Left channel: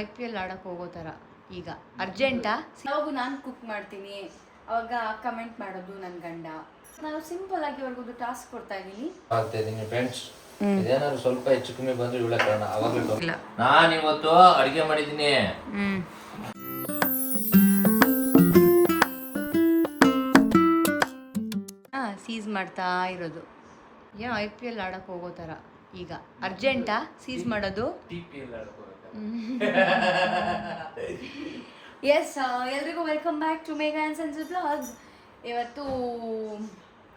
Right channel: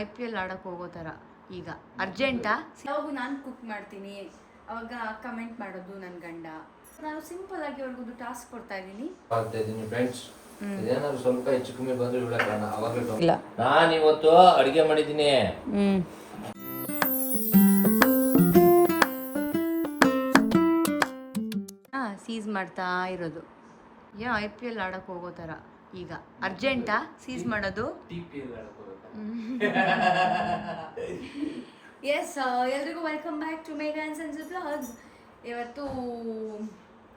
IPL ಆಡಕ್ಕೆ ಹೋಗೋ ಥರ ಈಗ ಅರ್ಜೆಂಟಾ? ಯಾವಾಗೂ ನಾನು ಕುಕ್ ಮಾಡ್ತೀನಿ, ಅವಾಗ ಕಮೆಂಟ್ ಮಾಡೋದು ನನ್ನ ಗಂಡ. ನಾನು ಸಿಂಪಲ್ ಆಗಿ ಅವ್ರಿಗೊಂದು ಟಾಸ್ಕ್ ಕೊಡ್ತಾ ಇದ್ದೀನಿ. ಫ್ರೆಂಡ್ಸ್, ಇದೇನಾದ್ರು ಸ್ವಲ್ಪ ಹೆಚ್ಚು ಕಮ್ಮಿ ಬಂದ್ರೆ ಇವಳ ಕಾರಣ. ಅವಾಗ ನಾನು ಇವತ್ತು ಅಡಿಗೆ ಮಾಡಿದ್ದೀನಿ. ಸೀಸ್ ಮಾಡ್ತಾ ಇರೋದು. IPL ಆಡಕ್ಕೆ ಹೋಗೋ ಥರ ಈಗ ಅರ್ಜೆಂಟಾ ಸೀಸ್ ಮಾಡೋದು? ಎಸ್, ಎಲ್ರಿಗೂ welcome back to Megha and sons vlogs. ಇವತ್ತು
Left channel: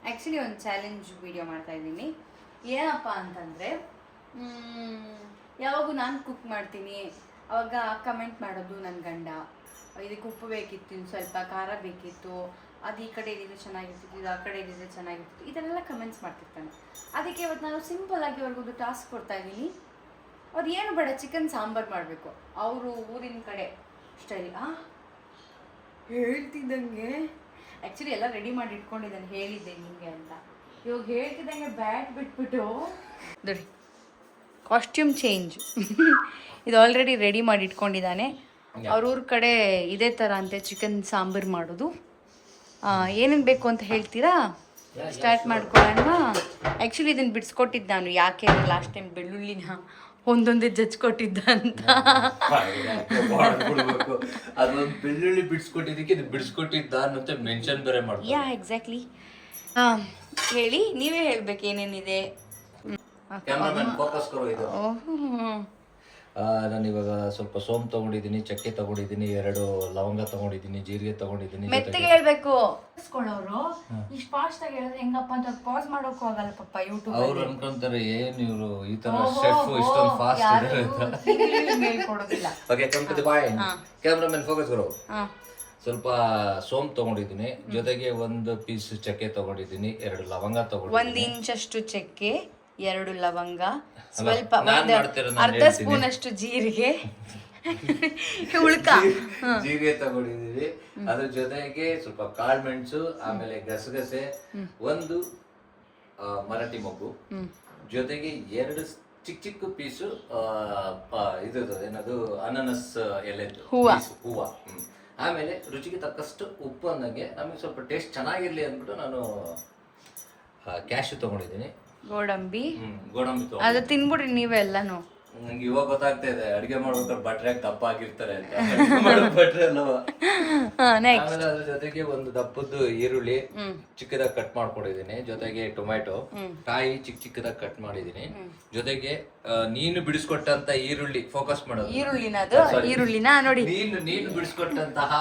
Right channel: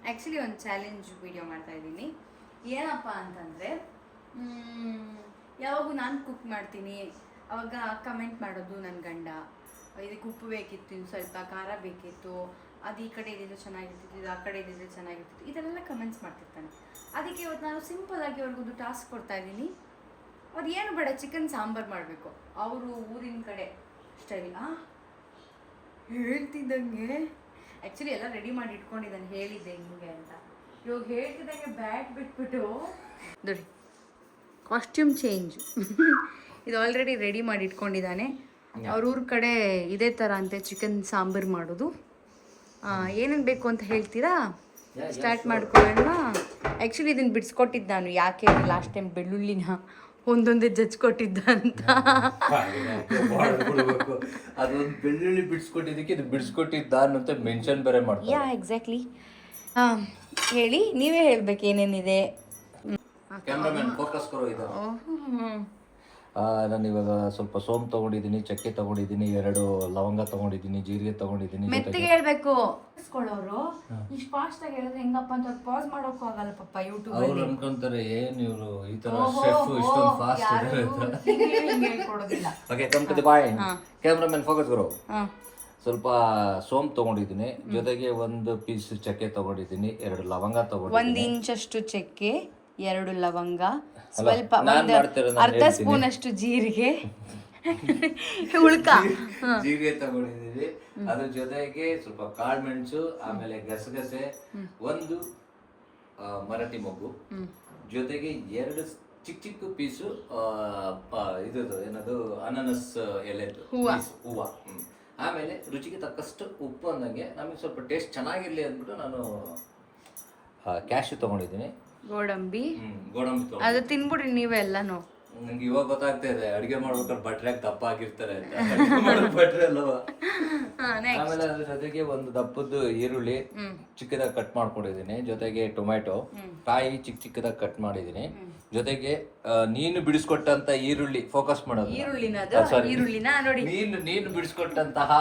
ಆ್ಯಕ್ಚುಲಿ ಒಂದು ಚಾಲೆಂಜ್ ವಿಡಿಯೋ ಮಾಡ್ತಾ ಇದ್ದೀನಿ. ಏನಪ್ಪ ಅಂತಂದರೆ, ಯಾವಾಗೂ ನಾನು ಕುಕ್ ಮಾಡ್ತೀನಿ, ಅವಾಗ ಕಮೆಂಟ್ ಮಾಡೋದು ನನ್ನ ಗಂಡ. ಇದಕ್ಕೆ ಉಪ್ಪು ಬೇಕಿತ್ತು, ಇನ್ನು ಸ್ವಲ್ಪ ಖಾರ ಬೇಕಿತ್ತು, ಅದು ಈ ಕಡೆ ಇದ್ದಿದ್ರೆ ಚೆನ್ನಾಗಿರ್ತಿತ್ತು, ಇದು ಆ ಕಡೆ ಇದ್ದಿದ್ರೆ ಚೆನ್ನಾಗಿರ್ತಿತ್ತು, ಇದೆಲ್ಲ ಕಮೆಂಟ್ಸ್ ಮಾಡ್ತಿರ್ತಾನೆ. ಅದಕ್ಕೆ ಇವತ್ತು ನಾನು ಸಿಂಪಲ್ಲಾಗಿ ಅವ್ರಿಗೊಂದು ಟಾಸ್ಕ್ ಕೊಡ್ತಾ ಇದ್ದೀನಿ. ಅವ್ರು ಏನು ಬೇಡ, ಚಿಕನ್ ಸಾಂಬಾರು ಮಾಡಬೇಕು. ಅವರು ಊರಿನ ಕಡೆ ಸ್ಟೈಲ್ ಹೇಳ್ತಿದ್ದಂಗೆ ಆ್ಯಕ್ಚುಲಿ ಎಲ್ಲ ರೆಡಿ ಮಾಡಿ ಇಟ್ಕೊಂಡಿದ್ದಾನೆ, ಹೇಳಿದ್ದೆ ಹಿಂಗೆ ಅಂತ. ಇವಾಗ ಹೇಳ್ತಿದ್ದಂಗೆ ಬ್ಯಾಟ್ ಬಿಟ್ಬಿಟ್ಟು ನೋಡಿ, ಕಾಸ್ಟ್ಯೂಮ್ ಚೇಂಜ್. ಇದು ಆಲ್ರೆಡಿ ರೆಡಿ ಮಾಡಿ ಇಟ್ಕೊಂಡಿದ್ದಾನೆ. ಅವ್ರ ಊರ ಕಡೆ ಇದೇ ಥರ ಅಂತೆ ಚಿಕನ್ ಸಾಂಬಾರು ಮಾಡೋದು. ಏನೇನು ಬೇಕು ಅಂತ ಹೇಳ್ತೀರಾ? ಸ್ಟಾರ್ಟ್ ಮಾಡ್ಕೊಳ್ಳೋಣ. ಆ್ಯಕ್ಚುಲಿ ಇದನ್ನು ಬಿಡಿಸ್ಕೊಟ್ಟಿದ್ದು ನಾನು. ಯಾಕೆ ಲಾಸ್ಟ್ ಟೈಮ್ ಬೆಳ್ಳುಳ್ಳಿನ ಒಂದೊಂದೇ ಜಜ್ಕೊಟ್ಟಿದ್ದ ಅಂತ. ಅದೊಂದು ಬೆಳ್ಳುಳ್ಳಿ ಬಿಡಿಸ್ಕೊಟ್ಟಿದ್ದಕ್ಕೆ ಇದು ಬಿಡಿಸ್ಕೊಟ್ಟಿದ್ದ ಅಂತ ಮೆನ್ಷನ್ ಬೇರೆ ಮಾಡ್ತಾರೆ. ಯಾ ಎಕ್ಸಾಕ್ಟ್ಲಿ. ಹೇಳಿ, ನೀವೇ ಹೇಳ್ಬೇಕು ಏನೇನಿದೆ. ನಾನು ಇವಾಗ ಸ್ವಲ್ಪ ಸೋಂಪು ತಗೊಂಡಿದ್ದೀನಿ, ಚಕ್ಕೆ ತಗೊಂಡಿದ್ದೀನಿ, 2 ಲವಂಗ ತಗೊಂಡಿದ್ದೀನಿ, ಜೀರಿಗೆ ತಗೊಂಡಿದ್ದೀನಿ. ಮೆತ್ತಗೆ ಹೇಳ್ಬೇಕು. ಅವರು ಇಷ್ಟು ಫಾಸ್ಟ್ ಆಗಿ ಹೇಳಿದ್ರೆ ಹೆಂಗಪ್ಪ ಅಂತ ಪಾಸ್ ಮಾಡೋಕ್ಕೂ ಆಗಲ್ಲ ಪಾಪ. ಯೂಟ್ಯೂಬ್ ಅವ್ರು ಅನ್ಕೊಂತಾರೆ ಏನು ಇವರು ಈ ತರ ಶೆಫ್ ಇಷ್ಟೊಂದು ಫಾಸ್ಟ್ ಇದ್ದಾರೆ ಅಂತ. ಹೇಳ್ಕೊಡೋದಿಲ್ಲ. Okay, come to the point. Cameraman focus ಗುರು. ಸ್ವಲ್ಪ ಸೋಂಪು ತಗೊಂಡಿದ್ದೀನಿ, ಜೊತೆಗೆ 1 ಪೀಸ್ ಚಕ್ಕೆ ತಗೊಂಡಿದ್ದೀನಿ, 2 ಲವಂಗ ತಗೊಂಡಿದ್ದೀನಿ, 1 ಇಂಚಷ್ಟು ಚಕ್ಕೆ, 2 ಲವಂಗ, ಸ್ವಲ್ಪ ಅರ್ಧ ಸ್ಪೂನ್ ಅಷ್ಟು ಜೀರಿಗೆ, ಉಳ್ಕ ಜೀರಿಗೆ ತಗೊಂಡಿದ್ದೀವಿ. ಅದ್ರ ಜೊತೆಗೆ ಸ್ವಲ್ಪ ಕಾಳು ಮೆಣಸು, ಆಮೇಲೆ ಗಸಗಸೆ, 1 ಮರಾಠಿ ಮೊಗ್ಗು, ಜೊತೆಗೆ 2 ಚಿಕ್ಕ ಚಿಕ್ಕ ಪೀಸು ಇದು ಏನದು ಅನಾನಸ್ ಎಲೆದು ಹೂವು. ಆಮೇಲೆ ರುಚಿಗೆ ತಕ್ಕಷ್ಟು ಉಪ್ಪು ಅಂದಂಗೆ ನಮಗೆ ಸ್ವಲ್ಪ ಟೇಸ್ಟ್ ಚೆನ್ನಾಗಿರ್ಲಿ ಅಂದ್ಬಿಟ್ಟು ನಾನು ಕ್ಯಾಶು ತಗೊಂಡಿದ್ದೀನಿ. ಗೋಡಂಬಿ ಗೋಡಂಬಿ ಅದು ತಿನ್ಬಿಡ್ರಿ ನೀವೆಲ್ಲಾನು. ನಂಗೆ ಇವಾಗ ಗೊತ್ತಾಗ್ತಾ ಇದೆ ಅಡಿಗೆ ಮಾಡ್ಬೇಕಾದ್ರೆ ಭಟ್ರೆ ದಪ್ಪ ಆಗಿರ್ತಾರೆ ಅಂತ. ಭಟ್ರೆ ಅಲ್ವಾ. ಆಮೇಲೆ ಅದ್ರ ಜೊತೆಗೆ 1 ದಪ್ಪದ್ದು ಈರುಳ್ಳಿ ಚಿಕ್ಕದಾಗಿ ಕಟ್ ಮಾಡ್ಕೊಂಡಿದ್ದೀನಿ, ಜೊತೆಗೆ ಟೊಮ್ಯಾಟೊ ಕಾಯಿ ಚಿಕ್ಕ ಚಿಕ್ಕದಾಗಿ ಕಟ್ ಮಾಡಿದ್ದೀನಿ, ಜೊತೆಗೆ ನೀನು ಬಿಡಿಸ್ಕೊಟ್ಟಂತ ಈರುಳ್ಳಿ, ಫೋಕಸ್ ಮಾಡೋದು ಈರುಳ್ಳಿನ ನೋಡಿ, ನೀನು ಬಿಡಿಸ್ಕೊಟ್ಟಂತಹ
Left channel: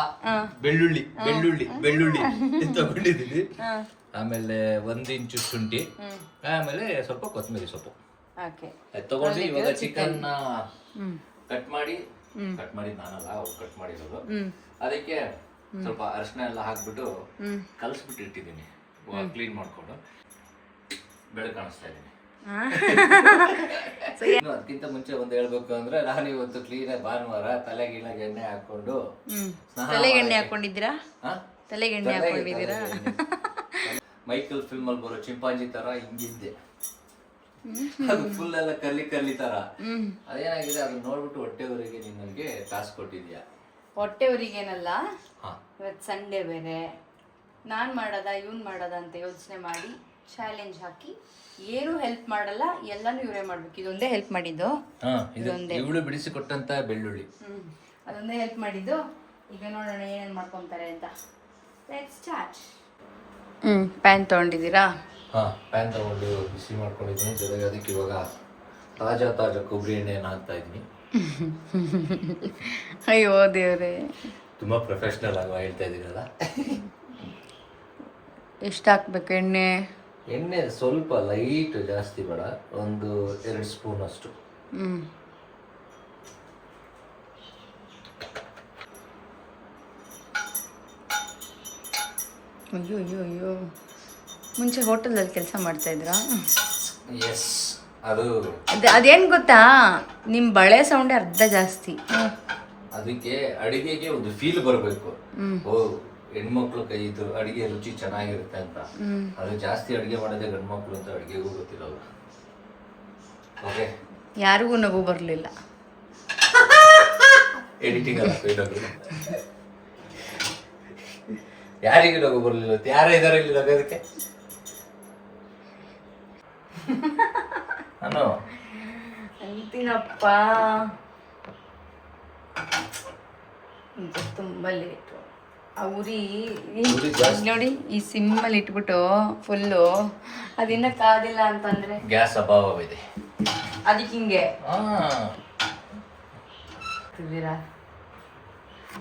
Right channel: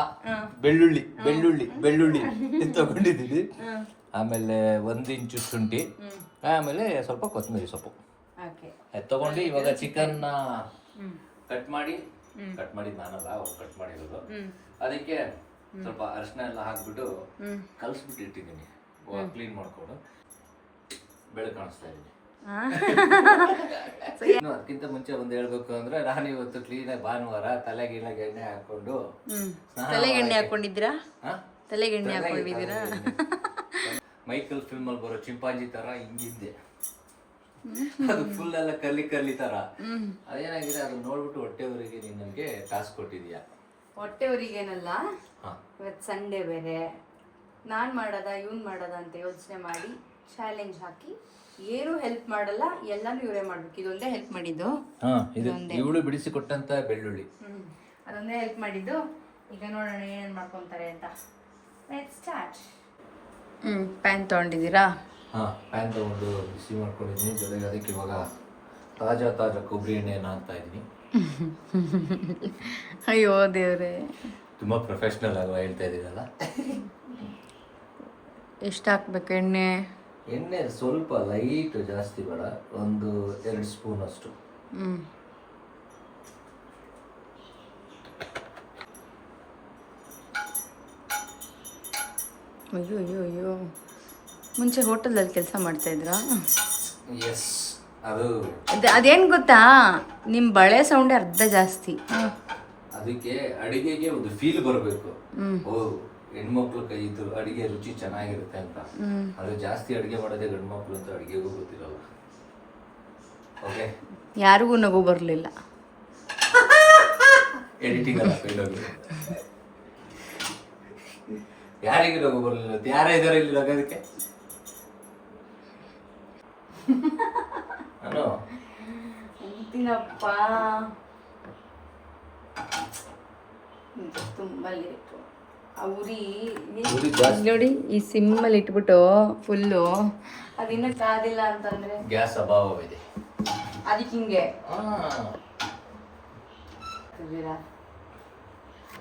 ಬೆಳ್ಳುಳ್ಳಿ ಬೆಳ್ಳುಳ್ಳಿ ಬೆಳ್ಳುಳ್ಳಿ ತಗೊಂಡಿದ್ದೀನಿ. ಆಮೇಲೆ 1 ಇಂಚು ಶುಂಠಿ, ಆಮೇಲೆ ಸ್ವಲ್ಪ ಕೊತ್ತಂಬರಿ ಸೊಪ್ಪು ತಗೊಂಡು ಇವಾಗ ಚಿಕನ್ ಕಟ್ ಮಾಡಿದ್ ನಾನಲ್ಲ, ಅವ್ರು ಕಟ್ ಮಾಡಿರೋದು. ಅದಕ್ಕೆ ಸ್ವಲ್ಪ ಅರಿಶಿನ ಎಲ್ಲ ಹಾಕ್ಬಿಟ್ಟು ಕಲ್ಸ್ಬಿಟ್ಟು ಇಟ್ಟಿದ್ದೀನಿ, ಕ್ಲೀನ್ ಮಾಡ್ಕೊಂಡು ಬೆಳೆ ಕಾಣಿಸ್ತಾ ಇದ್ದೀನಿ. ಅದಕ್ಕಿಂತ ಮುಂಚೆ ಒಂದು ಹೇಳ್ಬೇಕು ಅಂದ್ರೆ, ನಾನು ಇವತ್ತು ಕ್ಲೀನ್ ಭಾನುವಾರ ತಲೆಗೆ ಎಣ್ಣೆ ಹಾಕೊಂಡು ತಲೆಗೆ ಎಣ್ಣೆ ಹಾಕೊಂಡಿದ್ದೀರಾ? ತಲೆಗೆ ಎಣ್ಣೆ ಹಾಕೊಂಡಿದ್ದೀರಾ? ಮೈಕಲ್ ಫಿಲ್ಮ್ ಅಲ್ಲಿ ಬರೋ ಚಿಂಪಾಂಜಿ ತರ ಹಿಂಗಿದ್ದೆ, ಅದು ಫುಲ್ ಎಲ್ಲ ಕರ್ಲಿ ತರ. ಅದೇನಾಗಿದೆ, ಅದನ್ನ ನೋಡ್ಬಿಟ್ಟು ಹೊಟ್ಟೆವರೆಗೆ ನೀನ್ ನನಗೆ ಕಾಸು ಕೊಟ್ಟಿದ್ಯಾ. ಹೊಟ್ಟೆವರಿಗೇನಲ್ಲ, ಇವತ್ತು ಸಂಡೇ ಬೇರೆ, ನಾನು ಮಾಡೋದ ಇವ್ನು ಮಾಡೋದ ಅಂತ ಯೋಚನೆ ಮಾಡಿ ಚಾಲೆಂಜ್ ಹಾಕಿ ಏನು ಹೆಲ್ಪ್ ಮಾಡಲ್ಲ, ಎಲ್ಲಾನು ಇವರೇ ಮಾಡ್ಬೇಕು. ಇದೊಂದೇ ಹೆಲ್ಪ್ ಮಾಡಿದ್ದು, ಇವಳು ಬಿಡಿಸಿ ಕೊಟ್ಟಂತ ಬೆಳ್ಳುಳ್ಳಿ, ಅದೊಂದೇ ಹೆಲ್ಪ್ ಮಾಡಿದ್ದು. ಈಗ ನೋಡೋಣ ಏನೇನು ಮಾಡ್ಕೊಂತಾರೆ ಅಂತ. Let's start. ಪ್ಯಾನ್ ತೊಗೊಂಡಿದ್ದೀರಾ? ಪ್ಯಾನ್ ತಗೊಂಡು ಬಿಸಿ ಮಾಡ್ಕೊಂಡಿದ್ದೀನಿ, ಜೊತೆಗೆ ಅದಕ್ಕೆ ಇವಾಗ ತಾಜಾ ಕೊಬ್ಬರಿ ಎಣ್ಣೆಯನ್ನು ಹಾಕ್ತಾ ಇದ್ದೀನಿ. ಅಯ್ಯೋ ದೇವ್ರೆ, ತುಂಬಾ ಪ್ರೊಫೆಷನಲ್ ಆಗಿ ಹೇಳ್ತಾ ಇದ್ದೀನಲ್ಲ. ಎಷ್ಟು ಹಾಕ್ಬೇಕು ಎಣ್ಣೆ? ಎಣ್ಣೆ ಸ್ವಲ್ಪ ಲೈಟ್, ಜಾಸ್ತಿ ಬೇಡ, 1-2 ಸ್ಪೂನ್ ಅಷ್ಟು. ಅಯ್ಯೋ, ಮುಂಚೆ ಹೋಟೆಲಲ್ಲಿ ಕೆಲಸ ಮಾಡ್ತಾ ಇದ್ರಾ? ಎಸ್. ಅದು ಅದೇನು ಗೊತ್ತಾ, ನಿಮ್ಮ ಬಳೆ ಸೌಂಡೇ ಅರ್ಧ ಜಾಸ್ತಿ. ಅದಕ್ಕೆ ಅಡಿಗೆಗೆ ಒಂದು ಫೀಲ್ ಬರಬೇಕು. ಹೆಣ್ಮಕ್ಳು ಕೈ ಇದ್ದು ಅಡಿಗೆ ರುಚಿ ಚೆನ್ನಾಗಿರುತ್ತೆ ಅಂತ. ಅದು ಜಾಸ್ತಿ ಅಡಿಗೆ ಮಾಡೋದೇ ಗಂಡ್ಮಕ್ಳು ಅಂತ ಅಡಿಗೆಗೂ ಗೊತ್ತಿರಲ್ಲ. ಓಕೆ, ಯಾರಿಗೂ ನಗು ಬರಲಿಲ್ಲ. ಎಡಿಟಿಂಗ್ ಅಲ್ಲ ಹೋಗಿ ಯಾರಿಗೆ ಲಗು ಬರಲಿಲ್ಲ ಯಾರೇ ಇದಾರೆ ಇಲ್ಲಿ ಲಗೋದಕ್ಕೆ ನಾನು ಅಂತೀನಪ್ಪ ಈಗ ತುಂಬ ಲೇಟು ಆ ಉರಿ ಉರಿ ಜಾಸ್ತಿ ನೋಡಿ ಈ ಸಿಮ್ಮಲ್ಲಿ ಇಟ್ಬಿಟ್ಟು ಫುಲ್ಲು ಅದಿನ್ನ ಕಾದಿಲ್ಲ ಅಂತಂದ್ರೆ ಗ್ಯಾಸ್ ಅಭಾವವಿದೆ ಅದಕ್ಕೆ ಹಿಂಗೆ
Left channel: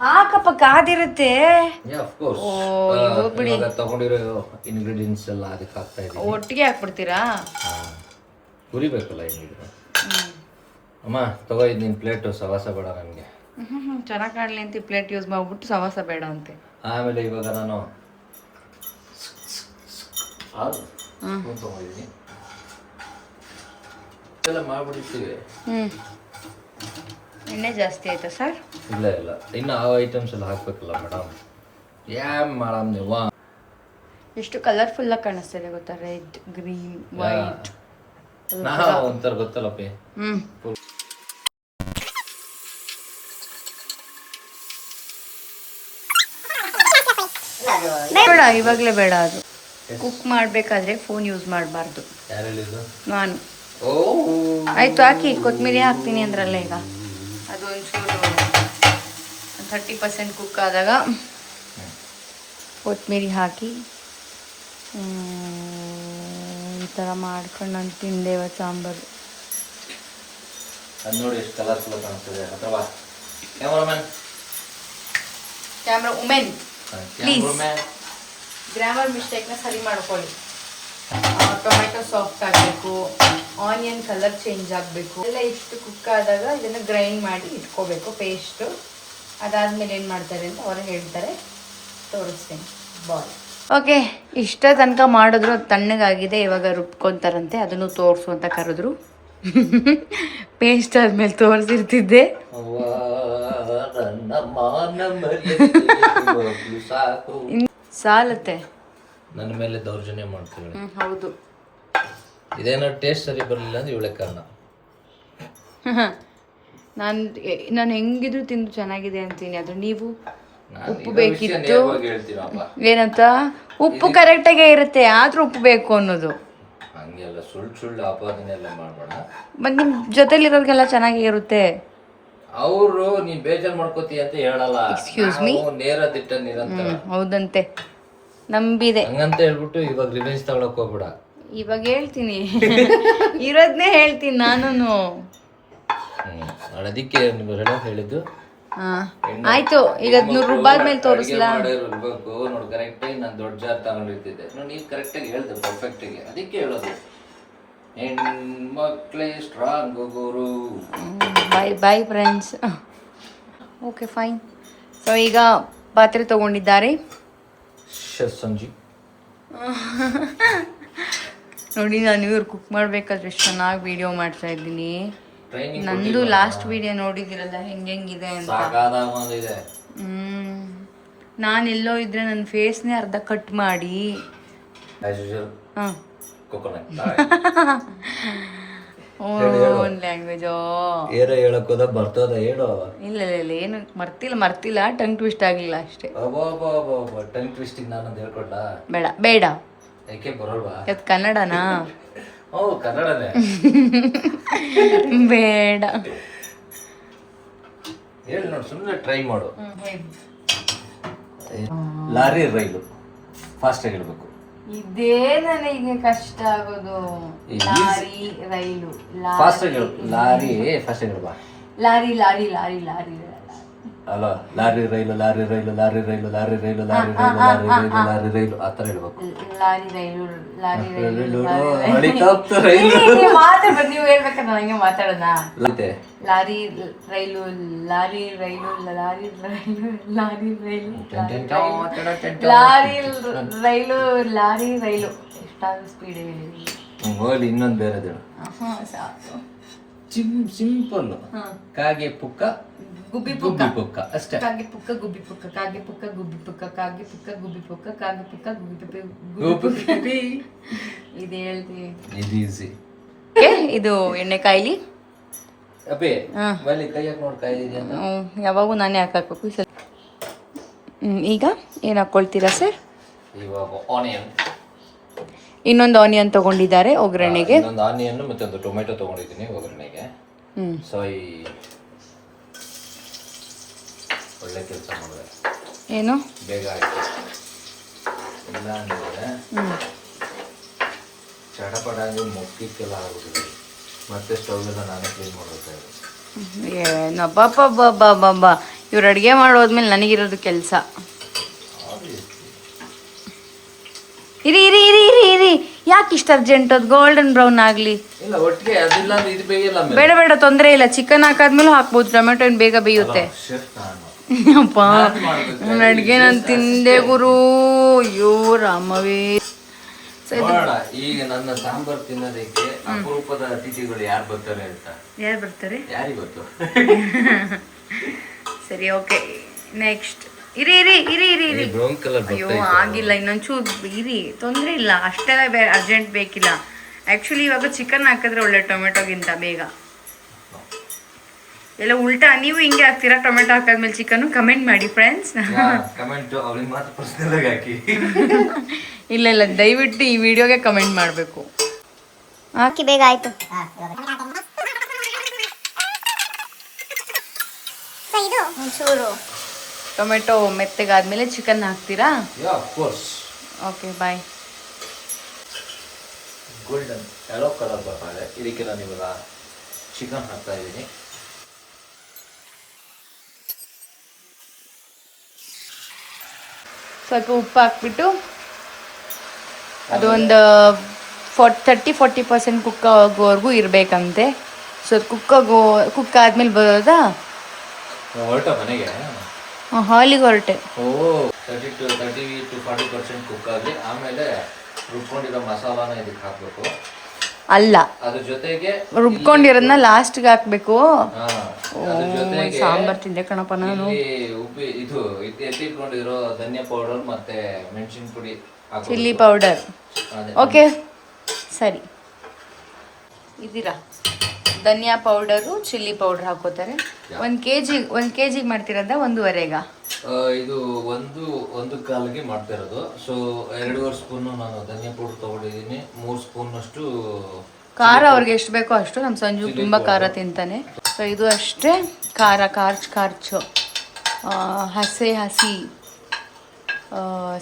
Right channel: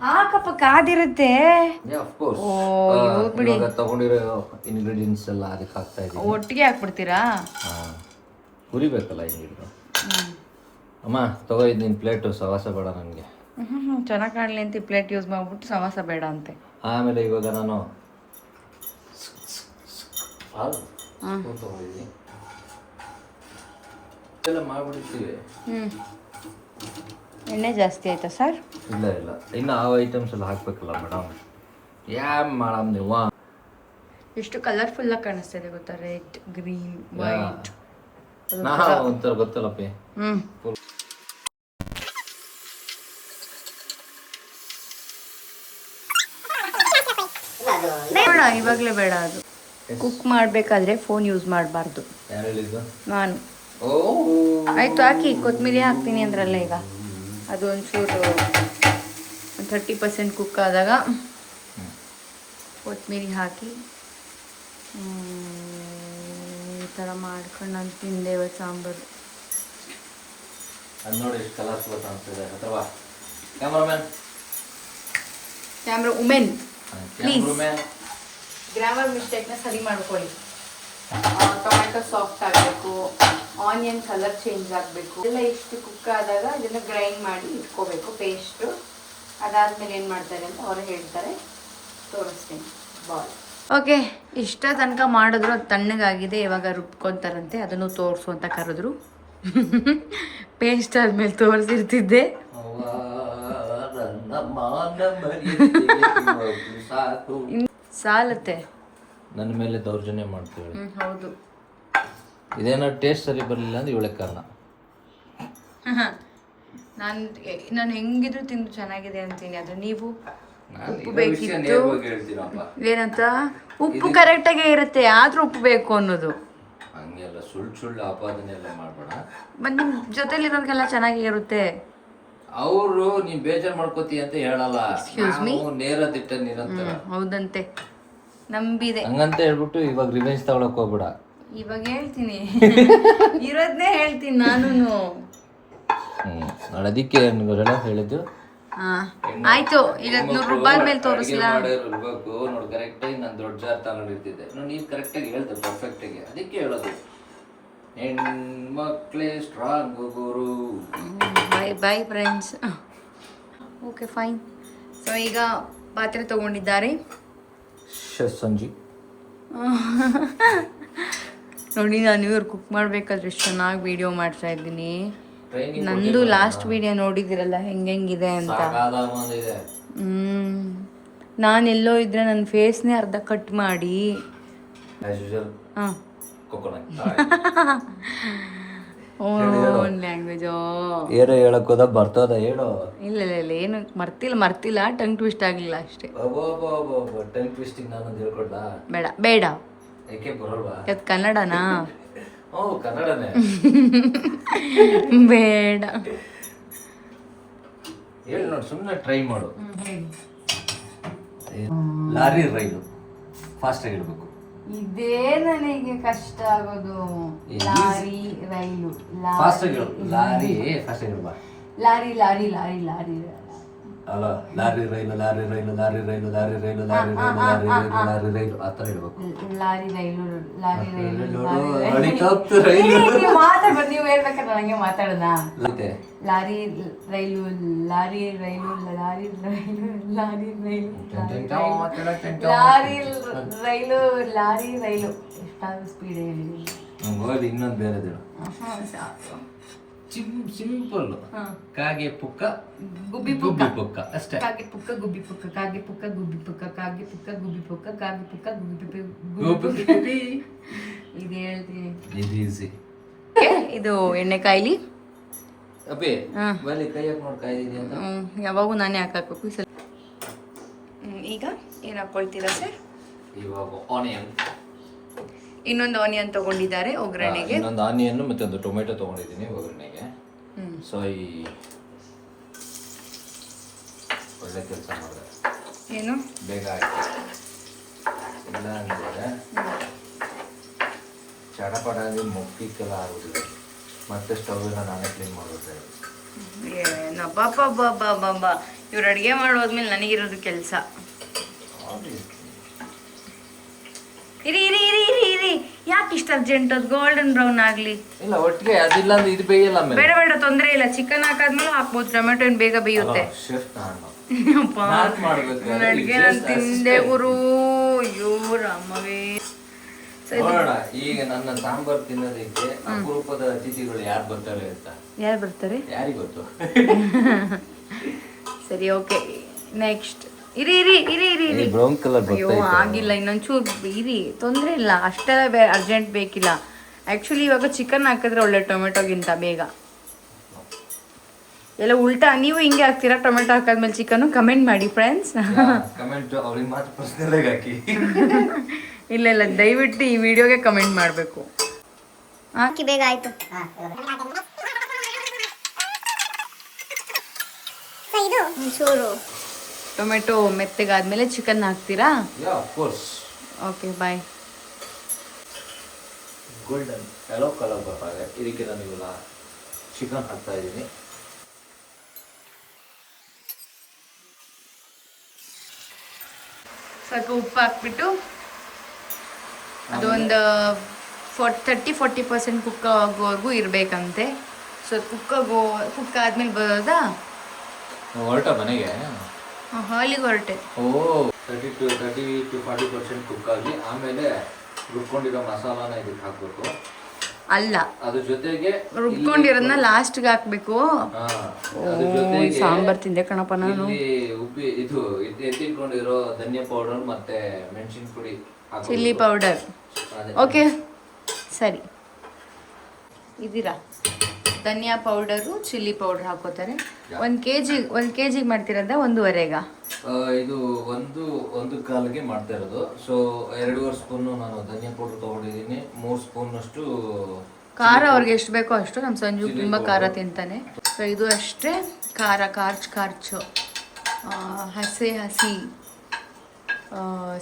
ಹಾಕಪ್ಪ ಕಾದಿರುತ್ತೆ ಓ, ಇವು ಬಿಡಿ. ತಗೊಂಡಿರೋ ಇಂಗ್ರೀಡಿಯೆಂಟ್ಸ್ ಎಲ್ಲ ಅದಕ್ಕೆ ಹಾಕ್ತಾ ಇದ್ದೀನಿ ಒಟ್ಟಿಗೆ ಹಾಕ್ಬಿಡ್ತೀರಾ? ಹುರಿಬೇಕಲ್ಲ ಇಂಗ್ರೀಡಿಯೆಂಟ್ ಅಮ್ಮ ತಗೋ ಇದು ನಿನ್ನ ಪ್ಲೇಟು ಸವಾಸ ಬೇಡ ನನಗೆ ಚೆನ್ನಾಗಿ ಕಾಣಲಿ ಅಂತ ಪ್ಲೇಟ್ ಯೂಸ್ ಮಾಡ್ಬಿಟ್ಟು ಸವಾಸ ಬೇಡ ಅಂತೆ. ಆಮೇಲೆ ಇವಾಗ ನಾನು ತಗೊಂಡಿದ್ದೀನಿ ಎಲ್ಲ ಮಾಡ್ಬಿಡ್ತೀವಿ. ಎಣ್ಣೆ ಜಾಸ್ತಿ ಆಯ್ತಾ ಸರ್? ಇಲ್ಲ ಇಲ್ಲ ಇನ್ನು ಆ ಐಟಮ್ಸ್ ಎಲ್ಲ ಹಾಕ್ಬೇಕಲ್ಲ ಮೇಡಮ್. ಯಾಮ್ ಮೇಡಮ್ ನೀವು ಎಷ್ಟು ಕಲರ್ಫುಲ್ಲಾಗಿ ಕಾಣಿಸ್ತಿದೆ ಗೊತ್ತಾ? Red, green, white. ನಾ ಒಂಥರ ಗೊತ್ತಲ್ಲಪ್ಪಿ. ಬೇಡ, ಇವಾಗಲೇ ಬೇಡ. ಅದು ಕುಕ್ ಮಾಡಬೇಕಾದ್ರೆ ಫೋನ್ ಯೂಸ್ ಮಾಡಬಾರ್ದು. ಯಾರು ಹೇಳಿದ್ದು? ನಾನು. ಓ ಆಯ್ತು ಹಾಕಿ, ಕೊತ್ತಂಬರಿ ಹಾಕ್ತೀನಿ ಅಂದ್ರಲ್ಲ ಈಗ. ಅದು ಒಂಚೂರು 30% ಕುಕ್ ಆದಾಗ ಕೊತ್ತಂಬರಿ ಹಾಕಿ ಈ ಥರ ಮಾಡ್ಕೊಂಡು ನಾನು ತಿಂದೆ ಇವತ್ತು ಸಾಂಬಾರು. ಅದು ನೋಡಿ ಎಷ್ಟು ಕಲರ್ಫುಲ್ ಕಾಣಿಸ್ತದೆ. ಅಥವಾ cameraman camera women please cameraman grammar ಮಿಸ್ಟೇಕ್ನ ಸರಿ ಮಾಡ್ಕೊಳ್ಳಿ. ಟೊಮೆಟೊ ಸಾಫ್ಟ್ ಆಗಬೇಕು, ಆನಿಯನ್ ಕಲರ್ ಚೇಂಜ್ ಆಗಬೇಕು. ಎಲ್ಲ ಇಷ್ಟು ಕುಕ್ ಆದಾಗ ಇದನ್ನು ಗ್ರೈಂಡ್ ಮಾಡಿ ಇಟ್ಕೋಬೇಕು ಪೇಸ್ಟು. ಅದಾದಮೇಲೆ ಏನು ಮಾಡ್ತಾರೆ ಅಂತ ಅವರು ಹೇಳ್ತಾರೆ, ತೋರಿಸ್ತೀನಿ. ಬಾಲ್ ಓಕೆ, ಇಷ್ಟ ತನಕ ಮಾಡಿದ್ರು ಅದು ತಣ್ಣಗಾಗಿದೆ. ಇವಾಗ ರುಬ್ಕೊತಾರಂತೆ, ಅದನ್ನು ತೋರಿಸು ಅಂತ ಕರೆದ್ರು. ಪೇಸ್ಟ್ ಆದಮೇಲೆ ತೋರಿಸಿರ್ತಿದ್ದೆ. ಸಾಲತ್ತೆ. ನನ್ನ ಮೇಲೆ ದೌರ್ಜನ್ಯ ಮಾಡ್ತೀವಿ. ಹೌದು. ಇದೇನೋ ಟೇಸ್ಟ್ ಸರಿ ಬರಲಿಲ್ಲ ಅಂದ್ರೆ ಇವಳೆ ಕಾರಣ. ನಾನು ಹೆಂಗಿದ್ರು ತಿಂದು ಚೆನ್ನಾಗಿದೆ ಅಂತೀನಿ. ಅದು ನೀವು ನಾನು ಉಪ್ಪು ಇರೋ ವಿಷಯ ಬೇಕಿತ್ತು ನೇರವಾಗಿ ಹೇಳ್ತೀನಪ್ಪ. ಏನಂತ, ಉಪ್ಪು ಕರೆಕ್ಟಾಗೇ ಇರುತ್ತೆ, ಆದ್ರೂ ಉಪ್ಪು ಬೇಕು ಅನ್ನೋದು. ಹಂಗೆಲ್ಲ ಸುಳ್ಳು ಆಪಾದನೆ ಎಲ್ಲ ಮಾಡ್ಬೇಡ. ಮತ್ತು ನಿಮ್ಮ ಜೊತೆಲಿರೋರಿಗೆಲ್ಲ ಚೆನ್ನಾಗೇ ಇರುತ್ತೆ. ಅವರು ನೀನ್ ಬೇಜಾರ್ ಮಾಡ್ಕೋತಿ ಅಂತ ಹೇಳಲ್ಲ. Excuse me? ನಾವು ನೇರ ದಿಟ್ಟ ನಿರಂತರ. ಹೌದಂತೆ, ನಂಬಿದೆ. ಹಂಗಂತ ಹೇಳ್ಬಿಟ್ಟು ಇವಾಗ ರಿವೆಂಜ್ ತಗೊಳಕ್ ಹೋಗ್ಬಿಡ. ಇವಾಗ ಹೇಳ್ತೀನಿ, ಇರೋದನ್ನೇ ಹೇಳ್ತೀನಿ ನಾನು. ನಾನು ಅದಕ್ಕೆ ಹೇಳಿದ್ದು. ಆಯ್ತು, ಈಗ 100 ರೂಪಾಯಿ ಮೇಲೆ ತೋರಿಸ್ಲಾ? ಇರ್ಬೇಕು ನೋಡಿ, ಕರೆಕ್ಟಾಗಿ ನಾನು ದೊಡ್ಡ ಜಾರ್ ತಗೊಂಡಿರ್ತಿದ್ದೆ ನೋಡಿ. ನೀವು ಕರೆಕ್ಟಾಗಿ ಹೇಳ್ದೆ, ಪರ್ಫೆಕ್ಟಾಗಿ. ಅದಕ್ಕೆ ಹೇಳೋದು ಹೆಣ್ಮಕ್ಳೇ ಸ್ಟ್ರಾಂಗ್ ಗುರು. Boyfriends. Okay fine. So ಈಗ ಪಾತ್ರೆ ತಗೊಂಡಿದ್ದಾರೆ ಶೆಫ್ ಸಂಜು. ನೋಡಿ, ನಾನು ಇವ್ರು ಕುಕ್ ಮಾಡಬೇಕಾದ್ರೆ ಎಷ್ಟು ಚೆನ್ನಾಗಿ ವಿಡಿಯೋ ಮಾಡ್ತಾ ಇದ್ದೀನಿ. ಟ್ರೈನಿಂಗ್ ನಂದು ಲಾಸ್ಟ್ ವಿಡಿಯೋ ನೋಡಿದಿರಲ್ಲ ಹೆಂಗೆಂಗಿದೆ ಅಂತ. ಸಾಕಾಗಿದೆ. ನಾನೆಲ್ಲೋ ಇದ್ರೆ ನನ್ನ ಫೇಸ್ನೇ ಅರ್ಧ ಕಟ್ ಮಾಡಿ ಆಸ್ ಯೂಶುವಲ್ ಹಾಂ ಕೊಕೊನಟ್. Own language. ಏನು ಹೇಳಕ್ ಹೋದ ಬರ್ತದ ಹೇಳು. ಇಲ್ಲ ಏನು ಮರ್ತಿಲ್ಲ, ಟಂಗ್ ಟ್ವಿಸ್ಟ್ ಆಗಲಿಲ್ಲ ಅಷ್ಟೇ. ಟಂಗ್ ಟ್ವಿಸ್ಟಿಂಗ್ ನಾನೊಂದು ಹೇಳ್ಕೊಟ್ಟ. ಬೇಡ ಯಾಕೆ ಬರೋಲ್ವಾ? ಅದು ಕನ್ನಡನಾ? ಓ ಕನ್ನಡನೇ. ಬೇಡ ಹೇಳಿ ನೋಡಿ, ಸುಮ್ಮನೆ ಟ್ರೈ ಮಾಡು. ಲಾರಿ ರೈಲು ಫಾಸ್ಟಾಗಿ ಹೇಳ್ಬೇಕು. ಇದೇ ನನಗೆ ಕಷ್ಟ ಆಗೋದು. ಲಾರಿ ರೈಲು, ಫಾಸ್ಟಾಗಿ ಹೇಳು. ಲಾರಿ ಫಾಸ್ಟಾಗಿ ಹೇಳ್ಬಾ. ಲಾರಿ ಲಾರಿ ಲಾರಿ ಲಾರಿ ಅಲ್ಲ, ಲಾರಿ ರೈಲು ಲಾರಿ ರೈಲು ಲಾರಿ ರೈಲು ಲಾರಿ ರೈಲು ಲಾರಿ ರೈಲು ಲಾರಿ ರೈಲು ಲಾರಿ ರೈಲು ಆ ಥರ ಹೇಳ್ಬೇಕು. ಲಾರಿ ರೈಲು ಲಾರಿ ರೈಲು ಮಾತಾಡ್ಬೇಕು. ನೀವು ಹೇಳ್ಬೇಕಾದ್ರೆ ನನಗೆ ಮಾತಾಡೋಣ. ಲಾರಿ ರೈಲು ಲಾರಿ ರೈಲು ಲಾರಿ ರೈಲು ಲಾರಿ ರೈಲು ಲಾರಿ ರೈಲು ಲಾರಿ ರೈಲು. ಎಷ್ಟಾದ್ರೂ ಸ್ಪೀಡ್ ಹೇಳಿ. ಹೋಗ್ಲಿ, ಇನ್ನೊಂದು ಬೇರೆ ಸಾಕು. ಸಿಂಪಲ್. ಕಾಗೆ ಪುಕ್ಕ ಗುಬ್ಬಿ ಗುಬ್ಬಿ ಪುಕ್ಕ ಅಷ್ಟೇ. ಕಾಗೆ ಪುಕ್ಕ ಗುಬ್ಬಿ ಪುಕ್ಕ ಕಾಗೆ ಪುಕ್ಕ ಗುಬ್ಬಿ ಪುಕ್ಕ ಕಾಗೆ ಪುಕ್ಕ ಗುಬ್ಬಿ ಪುಕ್ಕ ಕಾಗೆ ಪುಕ್ಕ ಗುಬ್ಬಿ. ಇದು ಹೇಳ್ತೀವಿ. ಇದು ಈಸಿ. ಇದು ಎಣ್ಣೆ ಕಾಯಿಲಿ ಅಪ್ಪಿ ಹಾ. ಬಲ್ಲಿ ಕೈ ಹಾಕಿ ನೋಡಿ ಕಾಯಿ ಇದೆ ಅಂತ. ಯಾವಾಗೂ ನಾನೇ ಹಾಕಾಕಬೇಕು ಈ ಸಲ. ಈಗ ಏನು ಹಾಕ್ಕೊಳ್ತೀರಾ ಸರ್? ಇವಾಗ ಆನಿಯನ್, ಇನ್ನೊಂದು ಆನಿಯನ್ ತೊಗೊಂಡಿದ್ದಾರೆ ಒಗ್ಗರಣೆಗೆ. ಇನ್ನೊಂದು ಆನಿಯನ್ ಮತ್ತೆ ಒಂದು ಟೊಮೆಟೊ ತೊಗೊಂಡಿದ್ದೀನಿ ಒಗ್ಗರಣೆಗೆ. ಸೊ ಈ ಒಳ್ಳೆ ಕೆಲಸ ಮಾಡಿದೆ, ಏನು ಬೇಗ ಆಯ್ತು. ಇಲ್ಲ ಅಂದರೆ ಚಟಪಟ ಮೊಕ್ಕಿಕ್ಕೆಲ್ಲ ಆಗ್ಬಿಟ್ಟಿದೆ. ಮತ್ತೆ ಸ್ಟವ್ ಎಲ್ಲ ನಾನೇ ಕ್ಲೀನ್ ಮಾಡ್ಬೇಕಾಗಿದೆ. ಏನಬ್ಬಾ ಇವ್ರು ಅಡುಗೆ ಮಾಡೋದ್ಮೇಲೆ ನನಗಿರೋದು ಕೆಲಸ. ಇರಿ ಇರಿ ಇರಿ ಇರಿ ಇರಿ ಯಾಕೆ ಇಷ್ಟು ಅರ್ಜೆಂಟ್? ಅದು ಗೋಲ್ಡನ್ ಬ್ರೌನ್ ಆಗಲಿ. ಇಲ್ಲ ಒಟ್ಟಿಗೆ ಅದಿಲ್ಲ ಅಂದ್ರೆ ಇದು ಬೇಯಿಲ್ಲ. ಬೇಡ ಬೇಡ, ತೊಂದರೆ ಇಲ್ಲ. ಚಿಕನ್ ಹಾಕಾದ್ಮೇಲೆ ಹಾಕ್ಬೋದು. ಟೊಮೆಟೊ ಏನು ಬೇಗ ಬೇಯುತ್ತೆ. ಅಪ್ಪ ನನ್ನ ಅಡುಗೆ ನಾನು ತಿಂದೆ ಗುರು. ಅಯ್ಯೋ ರಾಮವೇ. ನೋಡೋಣ ಈಗ ನನ್ನ ಸಾಂಬಾರ್ ತಿನ್ನೋದಕ್ಕೆ ಅಪರೂಪದ ಅತಿಥಿಗಳು ಯಾರು ಬರ್ತಾರೆ ಅಂತ. ಯಾರು ಬರ್ತಾರೆ ಯಾರಿಗೆ ಗೊತ್ತು. ಸರಿ, ಓಕೆ, ನೆಕ್ಸ್ಟ್. ಇರಿ ಇರಿ ಇರಿ ಇರಿ ಇರಿ. ಬ್ರೌನ್ ಕಲರ್ ಅಯ್ಯೋ ಆಗಿಲ್ಲ, ಇನ್ನೊಂಚೂರು ಇರಿ, ತೊಂದರೆ ಇಲ್ಲ. ಅಷ್ಟೆಲ್ಲ ಅರ್ಜೆಂಟ್ ಬೇಕಿಲ್ಲ. ಆ್ಯಕ್ಚುಲಿ ಇವಾಗ ಚಿಕನ್ ಹಾಕಿದ್ರೆ ಒಳ್ಳೆ ಟೊಮೆಟೊಗಿಂತ ಬೇಗ. ಎಲ್ಲ ಉಲ್ಟಾ. ನೀವು ಹಿಂಗೆ ಹಾಕ್ತೀರಾ ಟೊಮೆಟೊ ಹಾಕಾದ್ಮೇಲೆ ಚಿಕನ್ನು? ಕಮೆಂಟ್ ಮಾಡಿ ಫ್ರೆಂಡ್ಸ್. ಕಮೆಂಟ್ ಅವ್ರಿಗೆ ಮಾತ್ರ ಪರ್ಸನಲ್ ಆಗಿ ಹಾಕಿ. ಇಲ್ಲ ಇಲ್ಲ, ದಯವಿಟ್ಟು ಈ ವಿಡಿಯೋಗೆ ಕಮೆಂಟ್ ಮಾಡಬೇಕು. ಹಾಕಿ ಬೇಗ ಆಯ್ತು. ಇದು ಒಂಚೂರು ಟೊಮೆಟೊ ಮೆತ್ತಗಾದ್ಮೇಲೆ ಚಿಕನ್ ಹಾಕ್ತೀರಾ? Of course. Okay, bye. Golden yellow colour ಬರ್ತಾರೆ. ಇದಕ್ಕೆ ನಾನು ಇವಾಗ ಚಿಕನ್ ಹಾಕ್ತಾ ಇದ್ದೀನಿ. ಸ್ವಲ್ಪ ಉಪ್ಪು ಹಾಕ್ಬಿಟ್ಟು ಅದು ಒಂದು 30-40% ಕುಕ್ ಆಗೋವರೆಗೂ ಇರಬೇಕಂತೆ. ಸೊ ಕುಕ್ ಆದ್ಮೇಲೆ ಬರೋದಾ? ಹೊರಟ ಮನೆಗೆ ಹಾಲಿಗೆ ಹೊರಟೆ. ಓ 30-40% ಕುಕ್ ಆಗಿ ಆಮೇಲೆ ರುಬ್ಕೊಂಡಿರೋ ಮಸಾಲಾನ ಇದಕ್ಕೆ ಹಾಕ್ಬೇಕು. ಅಲ್ಲ, ಅದ್ರ ಜೊತೆಗೆ ರುಬ್ಕೊಂಡಿರೋದನ್ನ ಲಾಸ್ಟ್ಗೆ ಹಾಕ್ಬೇಕು. ಅದ್ರ ಜೊತೆಗೆ ಸಾಂಬಾರ್ ತಿಂದೆ ಕಣಪ್ಪ ನಾನು. ಇದು ಎತ್ತಿಟ್ಕೊಂಡಿರೋ ಧನಿಯಾ ಪೌಡರ್ ಮತ್ತೆ ಮೆಣಸಿನ ಪುಡಿ, ಚಿಲ್ಲಿ ಪೌಡರ್. ಓಕೆ, ಸರಿ. ಇದೀರಾ ಧನಿಯಾ ಪೌಡರು, ಚಿಲ್ಲಿ ಪೌಡರ್ ಹಾಕೋತಾರೆ. 1 kg ಮಾಡ್ತಿರೋದ 1.5? ಇದು ಒಂದು ಕಾಲಿಗೆ ಮಾಡ್ತಾ ಇರೋದು. ಸೊ 2.5 ಸ್ಪೂನು ನಾನು ಧನಿಯಾ ಪೌಡರ್ ತಗೊಂಡಿದ್ದೀನಿ. 3 ಸ್ಪೂನ್ ಅಷ್ಟು ಖಾರ ಅವ್ರಿಗೆ ಎಷ್ಟು ಬೇಕೋ ಅಷ್ಟು. ನಮ್ಮ ಸಂಜು ತುಂಬ ಖಾರ ತಿಂತಾನೆ. ಸೊ ಇದು ಅಷ್ಟೇ ಖಾರ, ಖಾರ್ಚು ಹಸಿ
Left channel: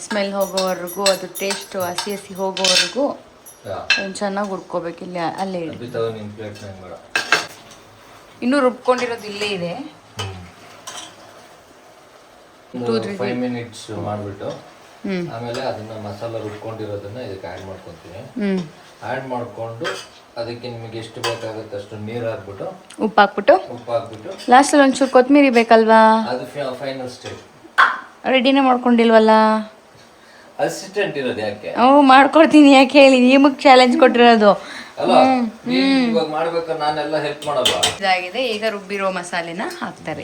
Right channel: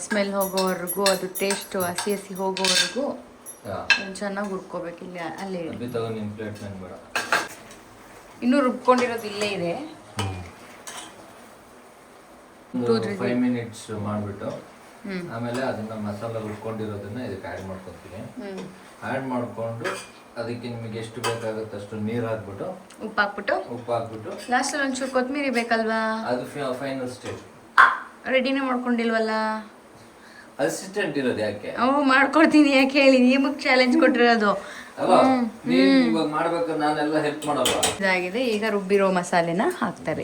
ಸ್ಮೆಲ್ ಹೋಗೋವರೆಗೂ, ಅದು ಟೇಸ್ಟು ಹಸಿ ಹೋಗೋವರೆಗೂ ಚೆನ್ನಾಗಿ ಹುಡ್ಕೋಬೇಕಿಲ್ಲ. ಅಲ್ಲೇ ಇನ್ನೂ ರುಬ್ಕೊಂಡಿರೋದು ಇಲ್ಲೇ ಇದೆ. 5 ಮಿನಿಟ್ಸ್ ಮಾಡಿಬಿಟ್ಟು ಆಮೇಲೆ ಅದನ್ನ ಮಸಾಲ ರುಬ್ಕೊಂಡಿರೋದನ್ನ ಇದಕ್ಕೆ ಆ್ಯಡ್ ಮಾಡ್ಕೊತೀನಿ. ಆ್ಯಡ್ ಮಾಡಿಕೊಂಡು ಅದಕ್ಕೆ ನಿಮಗೆ ಎಷ್ಟು ಬೇಕಾಗುತ್ತೆ ಅಷ್ಟು ನೀರು ಹಾಕ್ಬಿಟ್ಟು ಉಪ್ಪು ಹಾಕ್ಬಿಟ್ಟು ಲಾಸ್ಟಲ್ಲಿ ಒಂಚೂರು ಕೊತ್ತಂಬರಿ ಬೇಕಲ್ವಾ? ಅದು ಫೈನಲ್ ಸ್ಟೇಜ್. ರೆಡಿನೇ ಮಾಡ್ಕೊಂಡಿಲ್ವಲ್ಲ? ಅಸಿಸ್ಟೆಂಟ್ ಇರೋದು ಯಾಕೆ? ಮಾಡ್ಕೊಡ್ತೀನಿ. ಯಾಕೆ ಹೇಳಿ, ನಿಮಗೆ ಚಾಲೆಂಜ್ ಕೊಟ್ಟಿರೋದು. ಇವಾಗ ಮಾಡ್ಬೇಕು, ನಾನೆಲ್ಲ ಹೆಲ್ಪ್ ಮಾಡಲ್ಲ. ಇದಾಗಿದೆ. ಈಗ ರುಬ್ಬಿರೋ ಮಸಾಲೆನ ಹಾಕ್ತಾರೆ.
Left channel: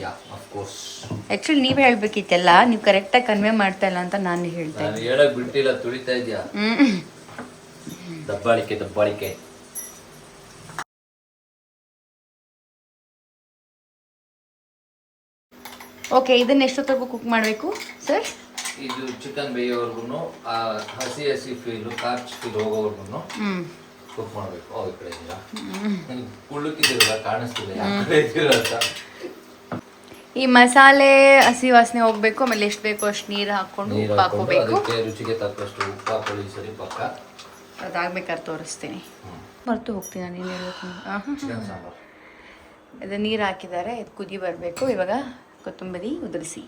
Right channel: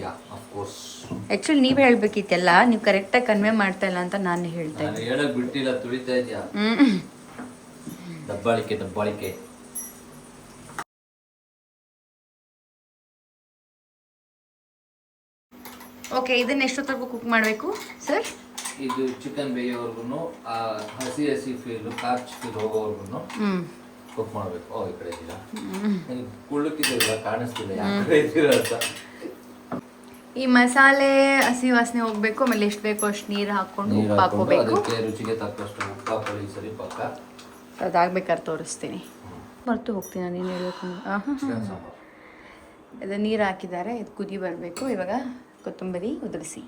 ಆ್ಯಕ್ಚುಲಿ ನೀವು ಹೇಳ್ಬೇಕಿತ್ತೆಲ್ಲ, ನೀವು ಕರೆಕ್ಟಾಗಿ ಕನ್ವೆ ಮಾಡ್ತಾ ಇಲ್ಲ ಅಂತ ನಾನು ಹೇಳ್ತಾ ಇದ್ದೆ. ಹೇಳಕ್ ಬಿಟ್ಟಿಲ್ಲ, ತುಳಿತಾ ಇದೆಯಾ? ದಬ್ಬಾಳಿಕೆ. ಓಕೆ, ಇದನ್ನ ಎಷ್ಟೊತ್ತಿಗೂ ಕುಕ್ ಮಾಡಬೇಕು ಸರ್? ಇದು ಚಿಕನ್ ಬೇಯೋವರೆಗೂ, ಹಸಿ ಫೀಲು, ಕಾರ್ಚ್ ಫೀಲ್ ಹೋಗೋವರೆಗೂ ಕುಕ್ ಮಾಡಬೇಕು. ಈ ಕಡೆ ಇದೆಯಾ? ನನಗೆ ಕುಳ್ಳಕ್ಕಿದ್ದೀರಲ್ಲ, ಕಾಣಿಸ್ತಿಲ್ಲ ಯಾವ ಕಡೆ ಇದ್ದೀರ ಅಂತ. ಈ ಮಸಾಲೆ ಹಸಿ ವಾಸನೆ ಹೋಗ್ಬೇಕು. ಆಮೇಲೆ ಎಷ್ಟು ಬೇಕೋ ಅಷ್ಟು ನೀರು ಹಾಕೊಂಡು ಉಪ್ಪು ಹಾಕೋಬೇಕು. ರುಚಿಗೆ ತಕ್ಕಷ್ಟು ಉಪ್ಪು ಹಾಕೊಳ್ಳಿ. ಸರಿ, ಪಕ್ಕ ಅದಾಗಬೇಕಾದ್ರೆ ತೋರಿಸ್ತೀನಿ. ಮರ್ತು ಹೋಗ್ತೀನಿ ನಾನು ಏನು ಹೇಳಬೇಕು. ಅದು ನೀರು ಹಾಕಿದ್ದಾರೆ, ಇದು ಕುದಿ ಬರಬೇಕು. ಇವಾಗ ಕೊತ್ತಂಬರಿ ಉದುರಿಸಿ.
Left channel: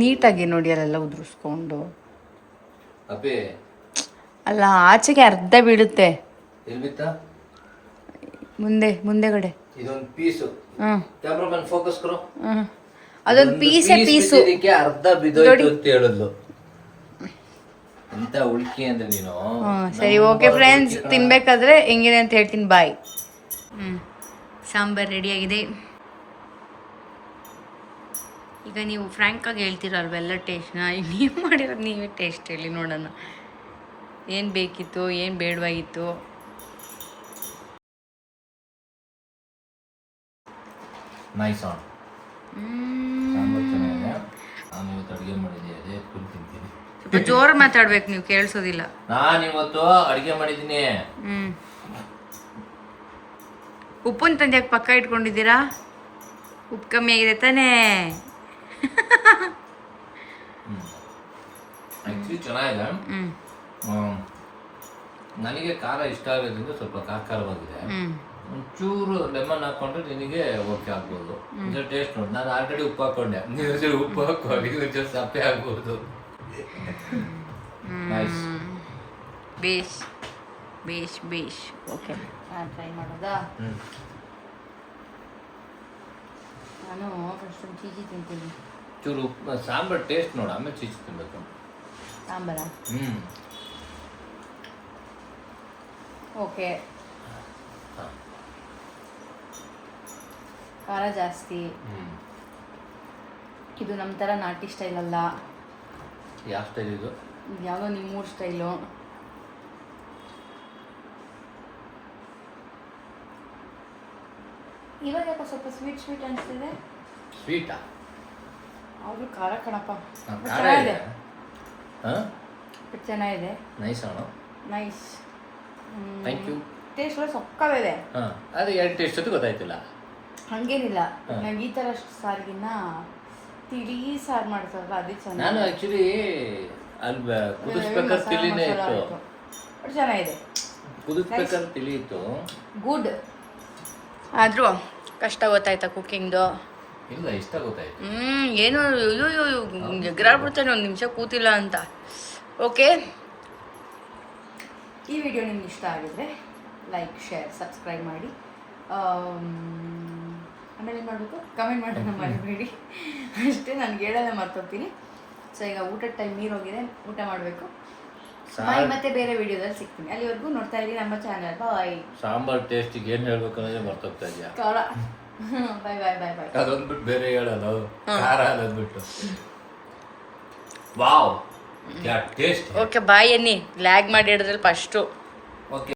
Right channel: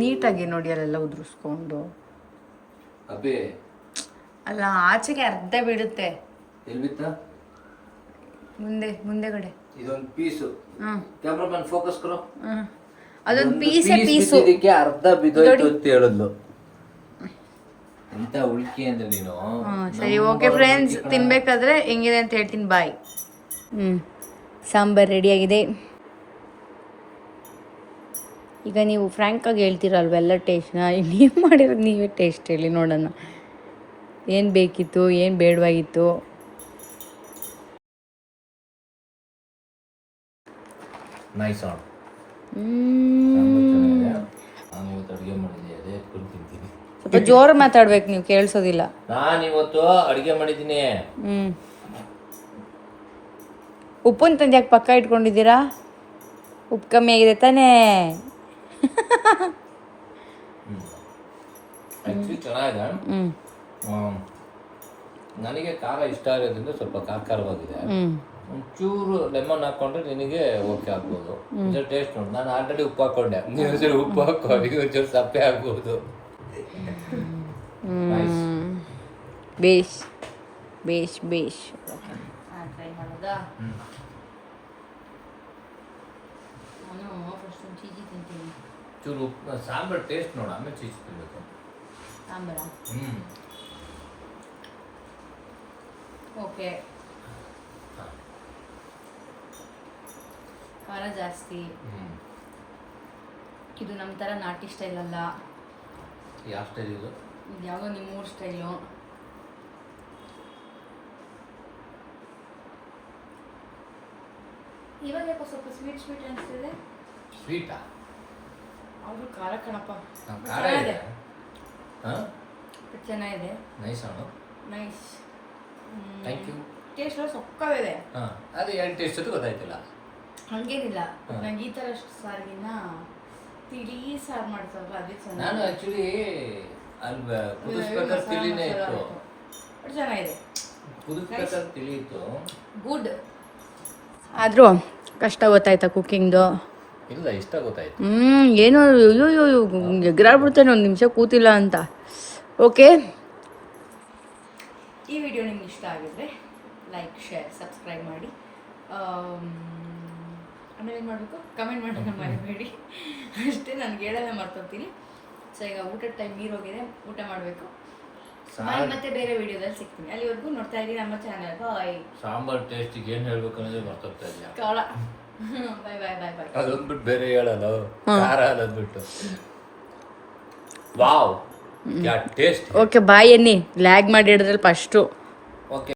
ನೀಟಾಗಿ ನೋಡಿ, ಅಲ್ಲೆಲ್ಲ ಉದುರಿಸ್ಕೊಂಡು. ಅಲ್ಲ, ಆಚೆಗೆ ಅರ್ಧ ಬೀಳುತ್ತೆ. ಮುಂದೆಗಡೆ ಇದೊಂದು ಪೀಸು. ಕ್ಯಾಮರಾಮನ್ ಫೋಕಸ್ ಕರೋ. ಅದೊಂದು ಪೀಸು ಅರ್ಧ ಬಿದ್ದೋಯ್ತು ಅಂತ ಹೇಳಿದ್ಲು. ಎಂತ ಉಳ್ಕಿ ಅಂದ್ರೆ ನೀನು. ಸರಿ, ಓಕೆ ಫ್ರೆಂಡ್ಸ್, ತಿನ್ಬೇಕಾದ್ರೆ ಹೆಂಗಿದೆ ಅಂತ ಹೇಳ್ತೀನಿ. ಬಾಯ್. ಸಾಂಬಾರ್ ರೆಡಿಯಾಗಿದೆ. ಈಗ ನೀವು ಫ್ರ್ಯಾಂಕಾಗಿ ಹೇಳ್ತೀರಲ್ವೆಲ್ಲ ಟೇಸ್ಟ್ನ. ನೀವು ಮಾಡಿರೋದು ನೀವೇ ಟೇಸ್ಟ್ ಹೇಳಿ ನೋಡೋಣ. ಏನು ಬೇಕಿತ್ತು ಏನು ಬೇಡವಾಗಿತ್ತು. Nice on. ನಾನು ಇವತ್ತು ಅಡುಗೆ ಮಾಡಿದ್ದೀನಿ, ಅದೇ ಫುಲ್ ತಿಂತೀನಿ. ಸ್ವಲ್ಪ ಜೋರು ಮಾತಾಡ್ಬೇಕು, ನೀವು ಕೇಳಿಸೋದಿಲ್ಲ. ನಾನು ಇವತ್ತು ಅಡುಗೆ ಮಾಡಿದ್ದೀನಿ. ಉಪ್ಪುನ ತಂದು ಯಾಕೆ ಪಕ್ಕ ಇಟ್ಕೊಂಡಿದ್ದೀರಾ? ಉಪ್ಪು ಕಮ್ಮಿ ಆಗಿದೆ ತಾನೇ? ಆ್ಯಕ್ಚುಲಿ ಚೆನ್ನಾಗಿದೆ. ನನಗೆ ಖಾರ ಇಷ್ಟ ಆಗೋದ್ರಿಂದ ಸ್ವಲ್ಪ ಖಾರವಾಗಿದೆ. ಒಂಚೂರು ಲೆಮನ್ ಹಾಕೊಂಡ್ರೆ ನಿನಗೆ ಓಕೆ ಆಗ್ಬೋದು. ಟೇಸ್ಟ್ ನೋಡಿ, ನಾನು ಆಲ್ರೆಡಿ ಉಪ್ಪು ಹಾಕೊಂಡೆ, ನೀವು ಒಂಚೂರು ಉಪ್ಪು ಹಾಕೊಂಡು ಒಂಚೂರು ಸಪ್ಪೆ ಆಗ್ಬೋದು. ಬೇಷ್ ಬೇಷ್ ಬೇಷ್. ಓಕೆ, ಟ್ರೈ ಮಾಡೋದಾ? ನಾನು ಫಸ್ಟ್ ಒಂದು ಚೀಚಿ ತಿಂತೀನಿ. ಚೂರು ಉಪ್ಪು ಸಾಂಬಾರು ಟೇಸ್ಟ್ ನೋಡು, ಆಮೇಲೆ ಚೀಚಿ ತಿನ್ಬೇಕು. ಸಾಂಬಾರ ಓಕೆ. ಖಾರ ಜಾಸ್ತಿ. ಇದು ನಮ್ಮ ಥರ ನಾಟಿ ಸ್ಟೈಲ್ ಅಲ್ಲ. ಯಾವ ಸ್ಟೈಲ್ ಇದು? ಇದು ಯಾವುದೋ ನಿಮ್ಮೂರ ಸ್ಟೈಲು. ಇವಾಗ ಯಾಕೋ ಸ್ವಲ್ಪ ಸ್ವೀಟ್ ಸ್ವೀಟ್ ಅನಿಸ್ತಿದೆ. ಸ್ವೀಟಾ? ಅವರು ಖಾರ ಕಣಪ್ಪ. ಖಾರ ಇದೆ. ಚೆನ್ನಾಗಿದೆ. ನೈಸ್ ಅಣ್ಣ, ನೈಸ್. Thank you. ಟೇಸ್ಟ್ ಎಲ್ಲ ಸೊಕ್ಕವಿದೆ. ಹಾಂ, ಅದು ಏನು ಟೇಸ್ಟ್ ಅದು ಗೊತ್ತಾಯ್ತಿಲ್ಲ. ಹಾಗೇನಿಲ್ಲ, ನಂಗೆ ಈ ಥರ ಸಾರಿಗಿನ್ನ ತಿಳಿ ಸಾರು ಮಾಡ್ತಾರಲ್ಲ ಅದೇ ಚೆನ್ನಾಗಿ. ನಾನು ಆ್ಯಕ್ಚುಲಿ ಅಲ್ಲಿ ಕುದಿಸ್ಬೇಕಾದ್ರೆ ತಿಳಿನೇ ಇತ್ತು. ಬಟ್ ಚೆನ್ನಾಗಿದೆ. ಕುದಿಸ್ಬೇಕಾದ್ರೆ ತಿಳಿ ಇತ್ತು. ಗುಡ್. ಆದರೂ ಕಷ್ಟ ಗೊತ್ತಾಯ್ತಾ ಕುಕ್ಕಿಂಗ್ದು? ಇಲ್ಲ, ಇಷ್ಟ ಗೊತ್ತಾಯ್ತು. ಏನೋ ಅಯ್ಯೋ ಎಗ್ರಾಡ್ಬಿಡ್ತೇನೆ ಒಂದು ನಿಮಿಷ ಕೂತಿಲ್ಲ ಅಂತ. ಓಕೆ, ಈ ವಿಡಿಯೋ ನಿಮ್ಗೆ ಇಷ್ಟ ಆಗಿದ್ರೆ ಲೈಕ್, ಶೇರ್, ಸಬ್ಸ್ಕ್ರೈಬ್ ಮಾಡಿ. ಆಮೇಲೆ ಏನು ಮಾಡಬೇಕು? ಕಮೆಂಟ್ ಮಾಡೋಣ ಮರಿಬೇಡಿ. ಅಷ್ಟೇ, ನನಗೆ ಹೇಳೋದೇ ಮರ್ತೋಗ್ತೀನಿ. ಸೊ ಈಗ ಊಟದ ಟೈಮ್ ನೀರೋಗಿದೆ, ಊಟ ಮಾಡಬೇಕು. ಬಾಯ್, ಮತ್ತೆ ಬೇರೆ ವಿಡಿಯೋದಲ್ಲಿ ಸಿಗ್ತೀನಿ. ಅಲ್ಲಿವರೆಗೂ ನೋಡ್ತಾ ಇದ್ದೀನಿ ನಮ್ಮ ಚಾನಲ್. ಬಾಯ್. ಸಾಂಬಾರ್ ಟೇಸ್ಟಿಗೆ ಏನು ಹೇಳ್ಬೇಕು ಅನ್ನೋದೇ ಬರ್ತೋಗ್ತಾ ಇದೆಯಾ? ಕವಳ. ಬಾಯ್ ಬಾಯ್ ಬಾಯ್ ಬಾಯ್. ಅದೊಂದ್ಬಿಟ್ಟು ಬೇರೆ ಹೇಳಲ್ಲ, ಖಾರ ಅನ್ನೋದ್ಬಿಟ್ಟು. Wow, yeah taste. Okay bye ಎನ್ನಿ. ಲ್ಯಾಗ್ ಮಾಡಿ ಹಿಡಿದ್ರಲ್ಲಿ ಫಸ್ಟು. ಓಕೆ.